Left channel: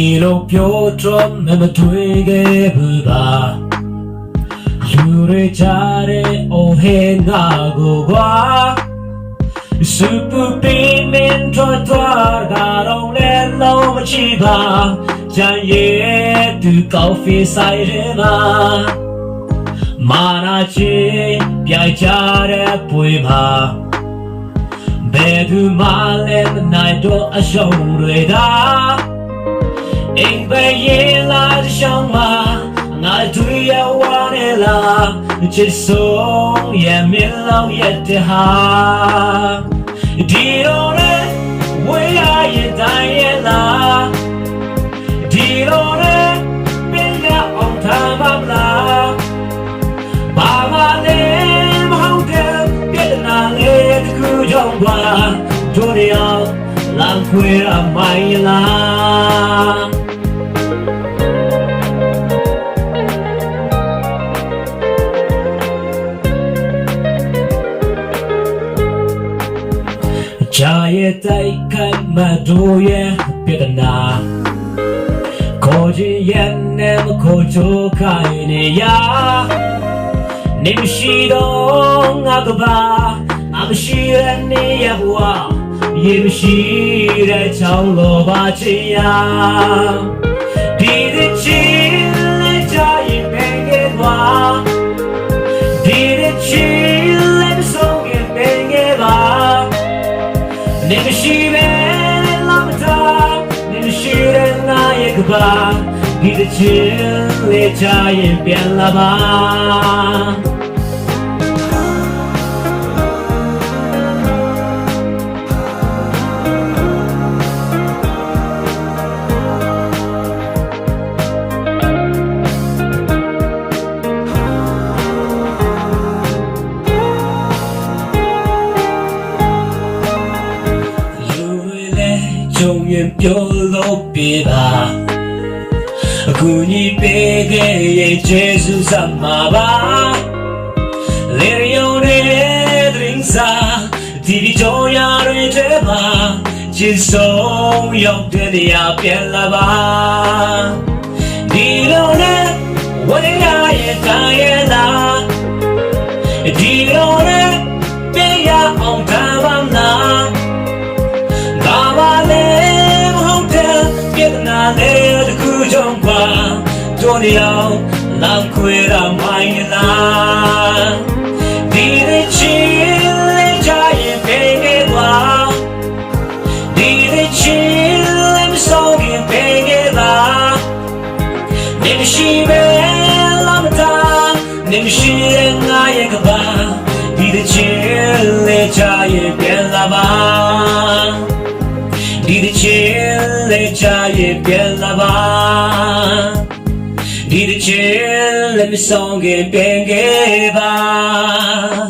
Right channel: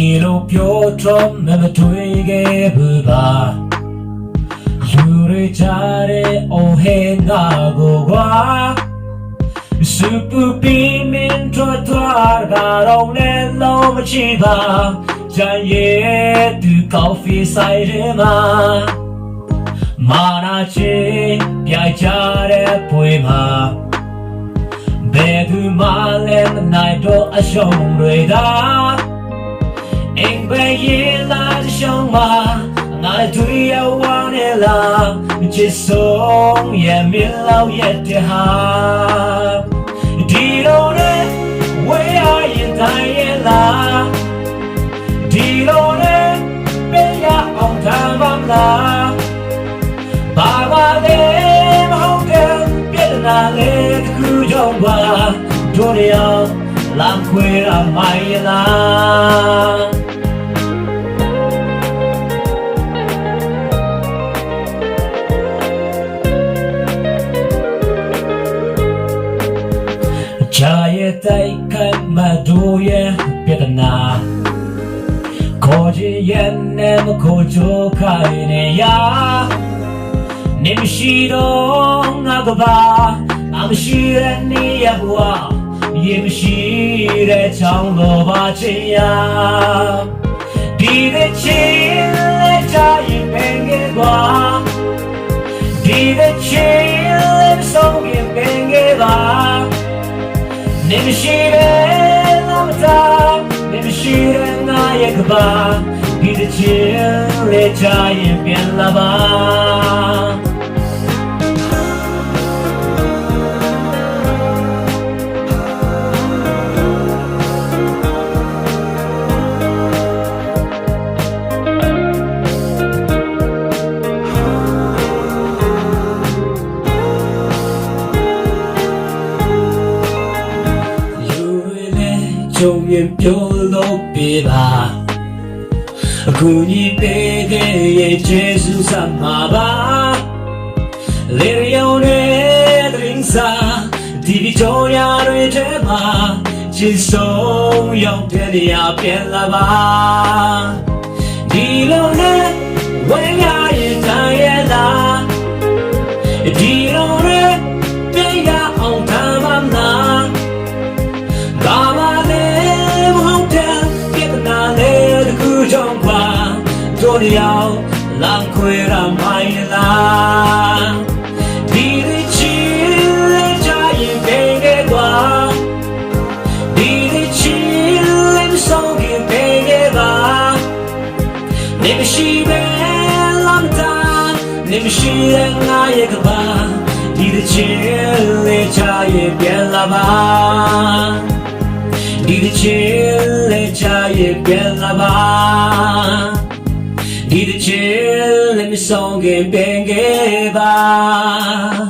ဒီလိုပြောတော့မတွေ့ခဲ့ဘူးလားလူတွေကြားတဲ့အော်ဟဲငါကိုကွာ Super beaming trottoir ကတော့လည်းလုံးမချီပါကြံရဲ့သူကော်ဖီဆိုင်ရဲမှာမာနာချေပြိုင်ကြတဲ့ပွေမှာဘယ်သူမှလည်းမနိုင်တော့အရှုံးတွေသာအင်ဘယ်ရင်လာရှောင်းမှာငါတို့ရဝနေလားချစ်ဆုံးရဲ့မင်းလောက်ရဲ့တဟာဒီလိုလေဝေးရရင်တိုင်းရလားဒီလိုလေဘယ်ကအောင်ထားမလားဘာမလဲမဟုတ်တဲ့ပြည်နာလေတခုကြောင့်ပါတို့ရအောင်လမ်းခွေရမိုင်းလား家也在看马路也别的拿，可惜也那么可就看你呀，你们西东那个吧，那么西人你也不啊，也不西来找我吧这样，你的情来家也没给我，你的情来送也没给我。你们西北那么大，你们西的那一个吧，你的情来家也变了吧。永远表露别吧，苦你别给也结束什么吧，连有的零散，地皮就要对着吧，轻松又变的呀变了吧，你留的为呀也当也拿，你留的别呀熬他们拿。做你要浪亏了买啦，你的情来家也别给我，你的情来送给别给我，你们西北那么大，你们西人那一个吧，你的情来家也变了吧，你的情来家也变了吧。你的情，let me song it，别给吧。